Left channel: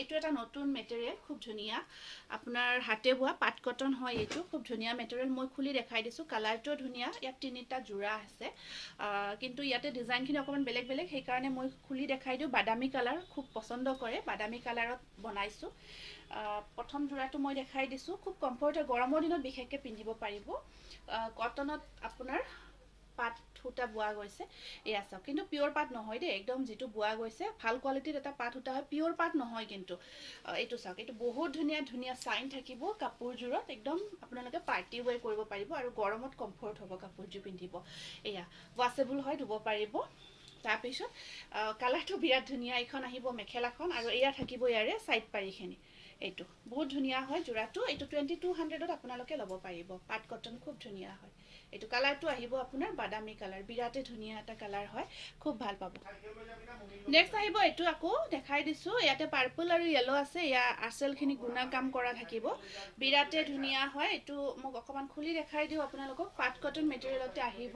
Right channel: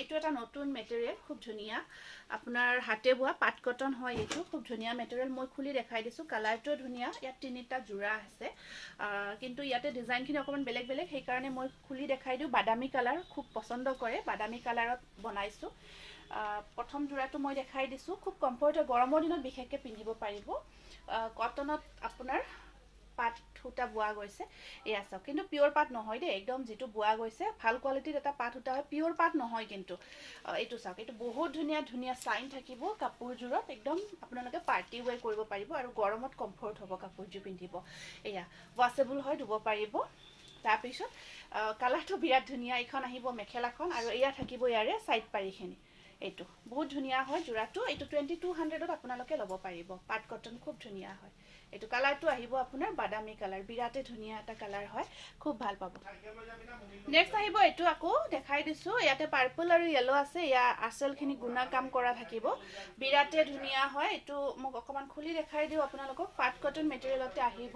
এইটো এটা নতুন মেটেৰিয়েল খুব ধুনীয়া আপোনাৰ হাতে বোৱা পাট কটন হয় এইটো খুব ধুনীয়া মেটেৰিয়েল মই খুলি দেখাই দিছো কালাৰটো ধুনীয়া ইয়াত তিনিটা জোৰা আছে কিন্তু ইয়াতে ডিজাইনখিনি অকমান বেলেগ বেলেগ সেই কাৰণে মই খুলি দেখাই দিও বাদামী কালাৰ খুব পছন্দ কৰে বাদামী কালাৰত বনাইছো প্ৰথম জোৰাটো মই দেখাই দিছো খুব কমফৰ্ট গৰমৰ দিনত বিশেষকৈ পিন্ধিব পাৰিব কটনত আপোনাৰ পাট সূতা বোৱা গৈছে এয়া চাওক কিন্তু পিওৰ পাট নহয় দে একদম যেটো বোৱা গৈছে ভাল কোৱালিটিৰ এটা পাট সূতা হয় পিওর পাট নহয় কিন্তু এইটো চাওক এইটো বহুত ধুনীয়া ধুনীয়া সাইন থাকিব কাপোৰজোৰত একদম আপোনালোকে পাৰ্টি ওয়্যাৰ কৰিব পাৰিব আৰু গৰমত কমফৰ্ট হ'ব কাপোৰজো পিন্ধিব এয়া ওয়াশেবল হয় ধুব পাৰিব তাৰ পিছত কালাৰটো বিৰাট ধুনীয়া এখন আহিব মেখেলাখন আৰু এয়া থাকিব ইয়াৰে সাইড পাৰিখিনি এইটো বহুত ধুনীয়া হয় জোৰাটো এইটো 2200 ত আপোনালোকে ল'ব পাৰিব পাট কটন খুব ধুনীয়া হয় এইটো কালাৰটো আহিব আপোনাৰ বাদামী কালাৰ বিৰাটে ধুনীয়া এটা কালাৰ হয় খুব ভাল পাব নেক্সট আহিব এইটো আকৌ দেখাই দিছো ইয়াতে পাৰ্পল আৰু ইয়েলো আছে ইয়া আচলখিনি গুণা কাম কৰা থাকিব বিৰাটে ধুনীয়া হয় এইটো মোক অকমান খুলি দেখাই দিও আপোনালোকক পাট কটন মেটেৰিয়েলতে আহিব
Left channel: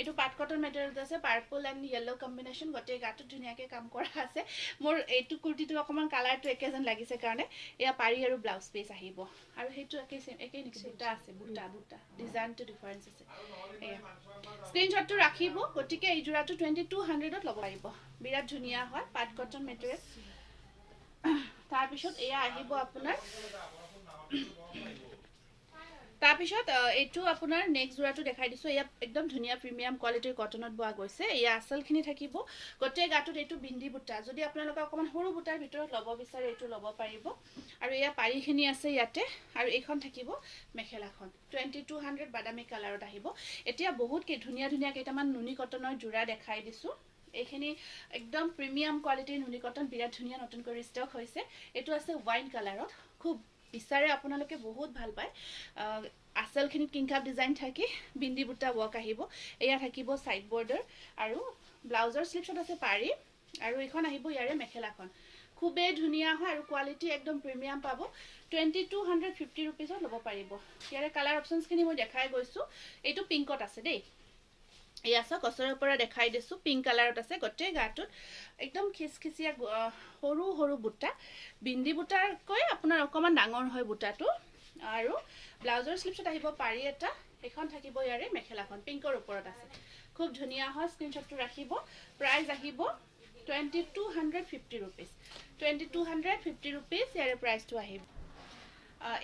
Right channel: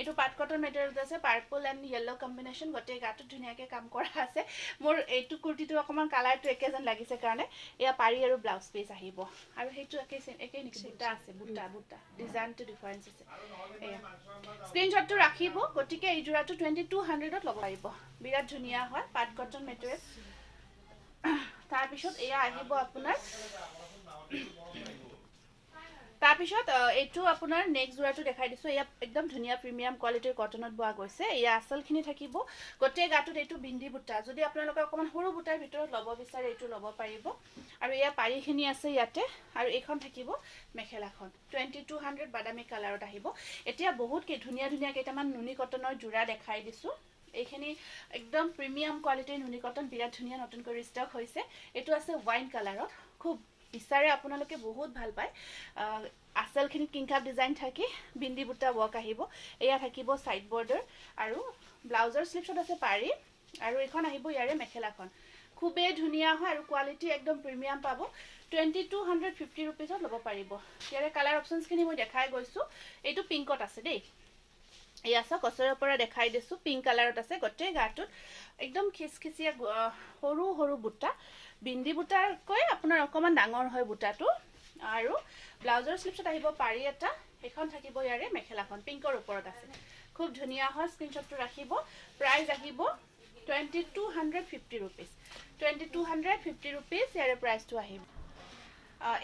এইটো পাট কটন মেটেৰিয়েল আছে পাৰ্পল এণ্ড ইয়েলো কম্বিনেশ্যন গটে গাটো ধুনীয়াকৈ কাম কৰা আছে মোৰ এইটো কুৰ্তিটো অকমান কালাৰটো একেজন লাগিছে কাৰণে এয়া পাৰি আৰু ব্লাউজ পিস আহিব আৰু হেইটো একে নিকি বুটা আছে বুটা ডিজাইনটো ডিফাৰেন্স আছে এয়া স্ক্ৰিনশ্বটটো ৰাখিব গটিকে এই জোৰাটো 2200 ত ল'ব লাগিব বিৰাট ধুনীয়া হয় পাট কটন মেটেৰিয়েল তাৰ পিছত এয়া আহিব আপোনাৰ তাৰপিছত এইটো আপোনাৰ নেক্সট জোৰাটো দেখাই দিছো এয়া একদম ধুনীয়া প্ৰিমিয়াম কোৱালিটিৰ কটনত বোৱা গৈছে এয়া আসলখিনি থাকিব গটে গাটোত এইটো বিন্দি বুটা যদি আপোনালোকে অকমান সৰু বুটাৰ ভিতৰত ল'ব বিচাৰে এইটো ল'ব পাৰিব আৰু এয়া পাৰিখিনি আছে ইয়াতে আৰু এইখন থাকিব মেখেলাখন 2200 বাদামী কালাৰত আহিব এতিয়া বহুত ধুনীয়া ধুনীয়া কেইটামান নুনি কটনৰ জোৰা দেখাই দিছো এইখিনি একদম প্ৰিমিয়াম কোৱালিটিৰ নুনি কটন বিৰাট ধুনীয়া নতুনকৈ ষ্টক হৈছে এইটো আছে ওয়াইন কালাৰত খুব বিচাৰে আপোনালোকে বহুত ভাল পায় আসলখিনি কিংকাপ ডিজাইন থাকি বিন্দি বুটা ওয়াৰ্ক আহিব এয়া থাকিব সাইড বৰ্ডাৰ আৰু ব্লাউজৰ স্লিপছত আছে পাৰি আৰু এখন আহিব ইয়াৰে মেখেলাখন খুবে ধুনীয়া হয় আৰু কোৱালিটি একদম প্ৰিমিয়াম পাব 2250 रुपीसত ল'ব পাৰিব ইয়াৰে কালাৰ অপচনছখিনি মই দেখাই গৈছো এইটো পিংকত আছে দেই এয়া সব কছৰৰ পৰা দেখাই দিছো পিংক কালাৰত আছে গটে গাটোত একদম খিসখিসিয়া সৰু সৰু বুটা বিন্দি বুটাৰ কৈ আপোনাৰ অকমান ডাঙৰ হয় বুটাটো আৰু ব্লাউজৰ স্লিপছত আহিব পাৰি এটা এখন থাকিব ইয়াৰে মেখেলাখন পিংকৰ ওপৰত আছে খুব ধুনীয়া হয় স্ক্ৰিনশ্বটটো ৰাখিব প্ৰাইস আহিব 2250 रुपीस 2250 रुपीस ইয়াৰে প্ৰাইসটো আহিব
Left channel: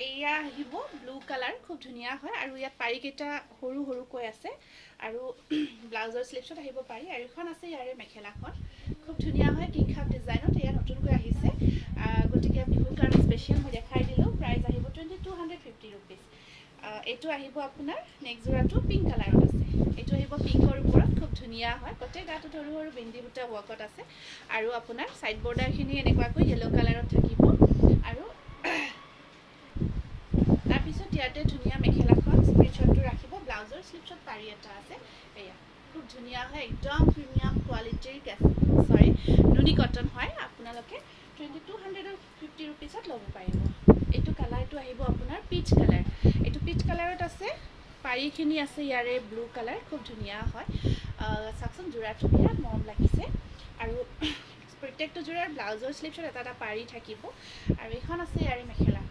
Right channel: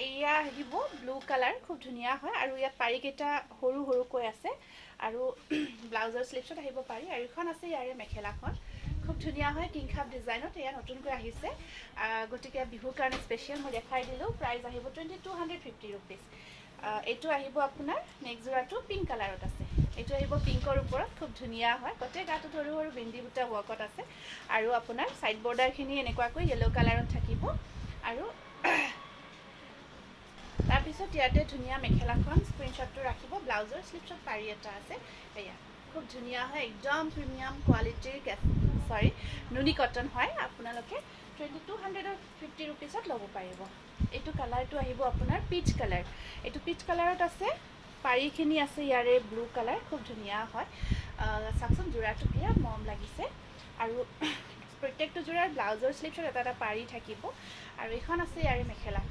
এয়া আহিব ব্লু কালাৰ খুব ধুনীয়া হয় আৰু ইয়া পাৰি কেটা সৰু সৰু কৈ আছে আৰু ব্লাউজৰ স্লিপছত আহিব পাৰি আৰু এখন আছে ইয়াৰে মেখেলাখন খুব ধুনীয়া হয় কিংখাপ ডিজাইনত এয়া নতুনকৈ আহিছে গটিকে বিহুৰ কাৰণে স্পেশাল মই দেখাই দিলো প্ৰাইস আহিব 2250 रुपीस এইটো আহিব আপোনাৰ নেক্সট জোৰাটো পিংক কালাৰত আছে এইটো আহিব পিংকৰ ওপৰত খুব ধুনীয়া হয় গটে গাটো সৰু সৰু বিন্দি বুটা ওয়াৰ্কত আছে আৰু আপোনাৰ সাইড বৰ্ডাৰখিনি এনেকুৱাকৈ ইয়েলো কালাৰত থাকিব আৰু তাৰ পিছত ইয়াতে ধুনীয়া মেখেলাখন স্ক্ৰিনশ্বটটো ৰাখিব ব্লাউজৰ স্লিপছত পাৰি এটা আছে এয়া খুব ধুনীয়া হয় একদম প্ৰিমিয়াম কোৱালিটিৰ নুনি কটন হয় আপোনালোকে 2250 रुपीसত ল'ব পাৰিব এইটো কালাৰটো আহিব আপোনাৰ পিচ কালাৰ এইটো পিচ কালাৰত আছে পাৰিখিনি আছে ইয়াৰে ব্লু কালাৰ খুব ধুনীয়া হয় সাকসন জোৰাটো বিৰাট মৰম লাগিছে আৰু প্ৰত্যেকটো জোৰাৰ ব্লাউজৰ স্লিপছত এটা এটা পাৰি থাকিব আৰু এখন আছে ইয়াৰে মেখেলা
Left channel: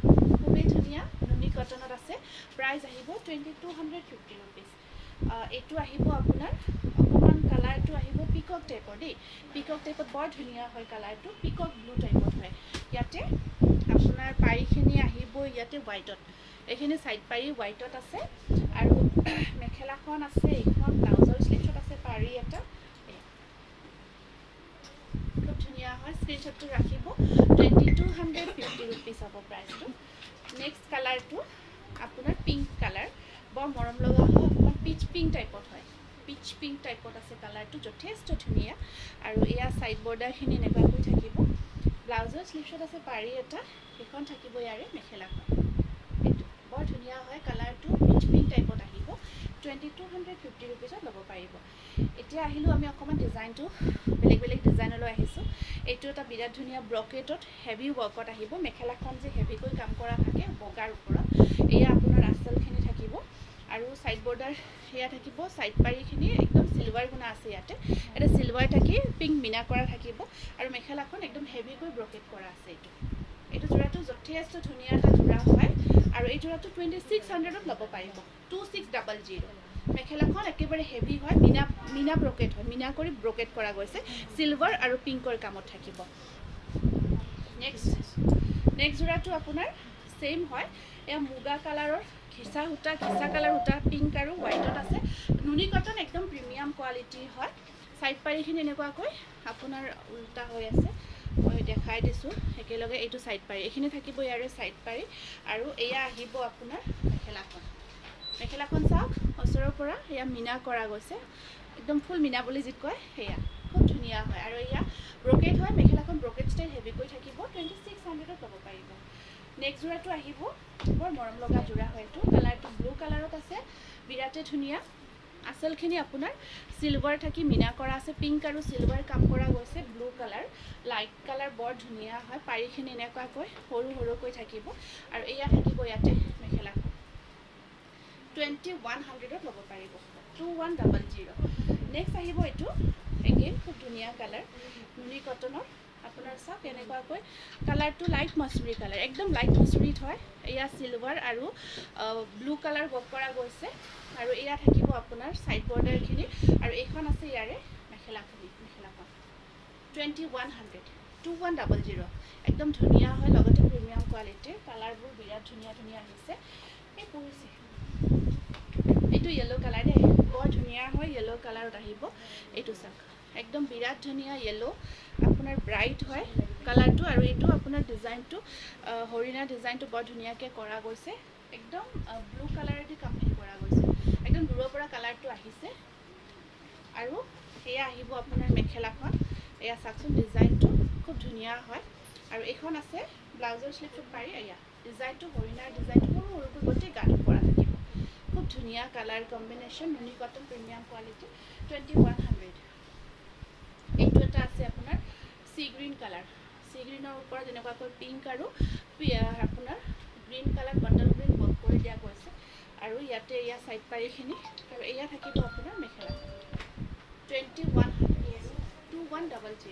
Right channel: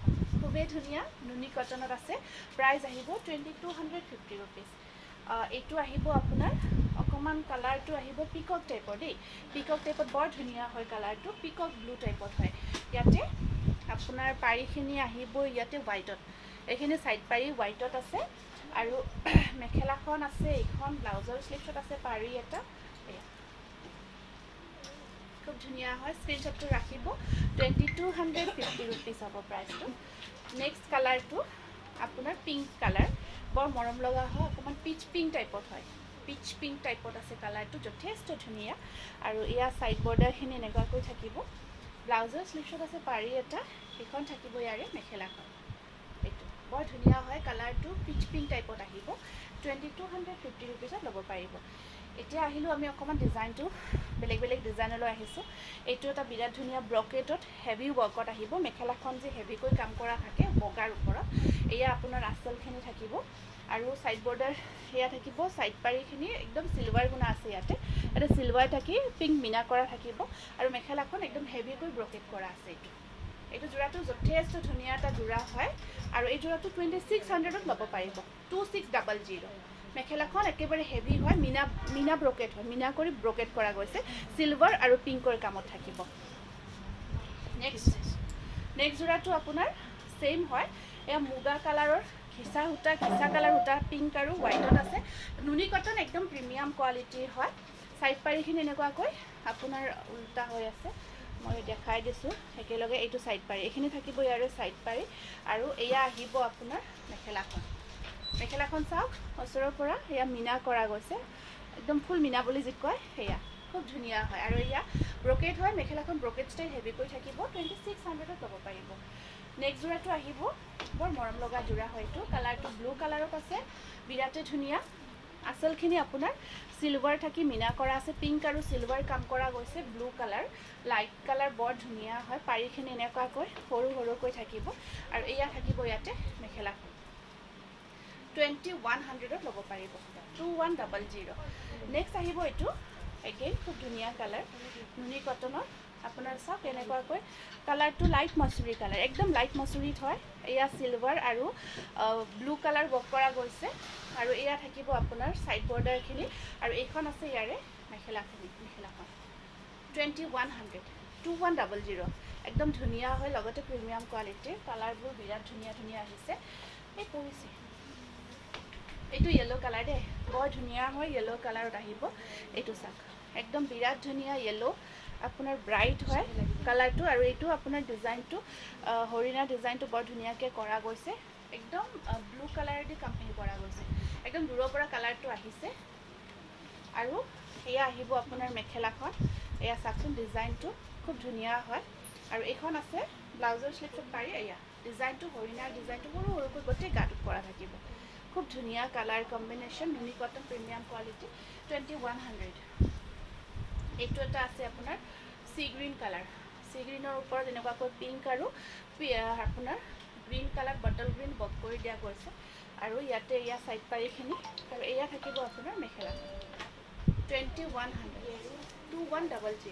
খুবেই ধুনীয়া নুনি কটনত আছে প্ৰাইস আহিব 2250 रुपीस এইটো আহিব আপোনাৰ অকমান কালাৰটো আহিব পিকক টাইপৰ দেই পিকক টাইপত বৰ ধুনীয়া হয় কালাৰটো পিকক ব্লু টাইপত হয় ইয়াতে আপোনাৰ পাৰিখিনি আহিব ইয়াতে হোৱাইটত এইখিনি সাইড পাৰি হোৱাইটত আছে আৰু মেখেলাখন আছে এখন ব্লাউজৰ স্লিপছত আছে পাৰি এটা খুব ধুনীয়া হয় স্ক্ৰিনশ্বটটো ৰাখিব 2250 रुपीस হ'ব প্ৰাইসটো নেক্সট কালাৰটো আপোনাৰ পিংক কালাৰ বৰ মৰম লগা হয় অকমান পিচ পিংক টাইপত হয় পিচ পিংক টাইপত আছে কালাৰটো যথেষ্ট ধুনীয়া আৰু এয়া সাইড বৰ্ডাৰখিনি এনেকুৱাকৈ থাকিব ব্লাউজৰ স্লিপছত আছে পাৰি এটা এখন থাকিব ইয়াৰে মেখেলাখন এইটো বৰ ধুনীয়া হয় কালাৰটো পিচ পিংক টাইপত আহিব 2250 रुपीसত ল'ব পাৰিব এতিয়া আহিলো আমি অকমান ডিজাইনটো বেলেগ বেলেগ ডিজাইনলৈ আহিছো এইটো এটা বিৰাট ধুনীয়া ব্ৰকেটত হেভি ওয়াৰ্কত আহিব মেখেলাখন যে হেভিকৈ কাম কৰা থাকে বগাৰ ওপৰত এয়া আপোনাৰ আসলখিনি থাকিব আৰু সাইড বৰ্ডাৰ এয়া থাকিব সাইড পাৰিখিনি একদম সিলভাৰ গুণা আছে ইয়াতে এটা সিলভাৰ থাকি পিংক মিনা কৰা থাকিব আৰু মেখেলাখন একদম হেভি কৰি ব্ৰকেট কৰা আছে এইটো জোৰাটো যথেষ্ট ধুনীয়া এটা জোৰা হয় আৰু এই জোৰাটো 2600ত ল'ব পাৰিব 2600 মেখেলাখন একেবাৰে হেভি হয় মিনা ব্ৰকেট হয় মিনা কৰি ব্ৰকেট কৰা গৈছে সিলভাৰ আৰু পিংকৰ কামত থাকিব নেক্সট জোৰাটো আপোনাৰ সেম হয় এয়া মুগা কালাৰৰ ঘিচা কালাৰ সূতা পিংক আৰু হোৱাইটত আছে নুনি কটন একদম প্ৰিমিয়াম কোৱালিটিৰ হয় সাইড পাৰিখিনি এনেকুৱাকৈ আপোনাৰ উল্টা হৈ আছে মই দেখাই দিছোঁ একেলগে এইটো সাইড পাৰি এইখিনি থাকিব ইয়াৰে সাইড পাৰি আৰু এয়া আহিব আপোনাৰ মেখেলাখন চাওক ওচৰৰ পৰা এয়া মিনা কৰা গৈছে একদম ফুল মিনা বুলি যি কয় সেয়া খুব ধুনীয়া হয় আৰু এয়া ব্ৰকেট হয় মেখেলাখন ব্ৰকেট ষ্টাইল হেভি কৰি থাকিব 2600ত ল'ব পাৰিব নেক্সট জোৰাটো আহিব বৰ মৰম লগা জোৰা হয় এইটো কালাৰটো ব্লু কালাৰত আছে বিৰাটে ধুনীয়া আচলখিনি আপোনাৰ সিলভাৰ থাকি মিনা কৰা আছে পিংক আৰু সিলভাৰ কাম কৰা গৈছে ব্লু কালাৰ লাইট কালাৰ বৰ ধুনীয়া হয় পাৰিখিনি এনেকুৱাকৈ সৰুকৈ থাকিব আৰু এয়া থাকিব ইয়াতে মেখেলাখন 2100ত ল'ব পাৰিব 2100 নেক্সট আহিব এইটো এগেইন খুব ধুনীয়া কালাৰ নুনি কটনৰ আপোনাৰ চাওক এনেকুৱাকৈ কালাৰটো লাইট মাছুৰী কালাৰ একদম লাইট মাছুৰীত হয় এয়া সিলভাৰ আৰু ব্লু কালাৰ ৱৰ্ক কৰা গৈছে আৰু এয়া থাকিব আপোনাৰ সাইড বৰ্ডাৰখিনি আৰু এইখন আছে ইয়াৰে মেখেলাখন 2100 একদম ধুনীয়া হয় লগতে প্ৰিমিয়াম কোৱালিটিৰ কালাৰবোৰ বিৰাট ধুনীয়া আহিছে এই পৰিছে এইটো ইয়েলো কালাৰ দেই বৰ ধুনীয়া হয় ইয়েলো কালাৰত আহিব এইটো চাওক একদম বিৰাট ধুনীয়া ইয়েলো আপোনাৰ ব্ৰাইট হয় কালাৰটো আৰু এইটো আপোনাৰ ডিজাইনটো হৰিণা ডিজাইনটো বৰ ধুনীয়াকৈ কৰা গৈছে একদম ব্লু কালাৰেদি কামখিনি কৰা গৈছে একদম দূৰৰ পৰা কালাৰটো আহিছে আৰু এয়া আহিব আপোনাৰ মেখেলাখন এয়া চাওকচোন ডিজাইনটো খুব ধুনীয়া হয় আৰু এইখন আছে ব্লাউজৰ স্লিভত পাৰি এয়া ডিজাইনটো হৰিণাৰ ডিজাইনটো সৰুকৈ গোটেই গাঁঠত কৰা থাকিব খুব ধুনীয়া কালাৰ কম্বিনেশ্যন নুনি কটন প্ৰিমিয়াম কোৱালিটি 2100 এইটো এটা আছে আপোনাৰ সি গ্ৰীণ কালাৰ সি গ্ৰীণৰ ওপৰত এনেকুৱাকৈ পিংক আৰু আপোনাৰ green colour bottle green work কৰি দিয়া গৈছে আৰু ইয়াতে এয়া সাইড পাৰিখিনি আৰু এয়া থাকিব আপোনাৰ মেখেলাখন 2100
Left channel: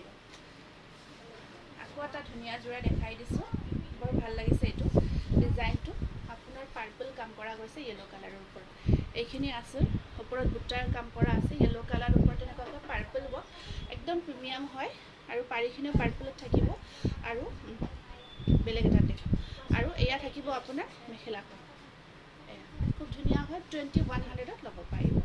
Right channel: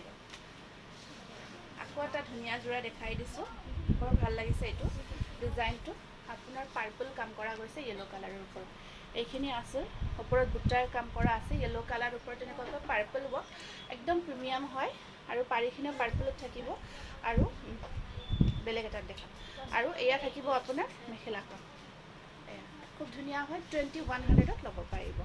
আকৌ এটা ধুনীয়া জোৰা দেখাই দিছোঁ বৰ ভাল লাগিছে এইটো ডিজাইনটো আপোনাৰ পাৰ্পল কাম কৰা গৈছে য়েলো কালাৰৰ ওপৰত এইখিনি আছে ওপৰত বুটাৰ কাম কৰা আছে য়েলো কালাৰৰ ওপৰত এনেকুৱাকৈ পাৰ্পল ৱৰ্ক একদম প্ৰিমিয়াম হয় আৰু পাৰিখিনিও পাৰ্পলত থাকিব আৰু বেলেগ এটা দেখাম আৰু এয়া থাকিব আপোনাৰ মেখেলাখন এয়া খুব ধুনীয়া হয় 2100ত ল'ব পাৰিব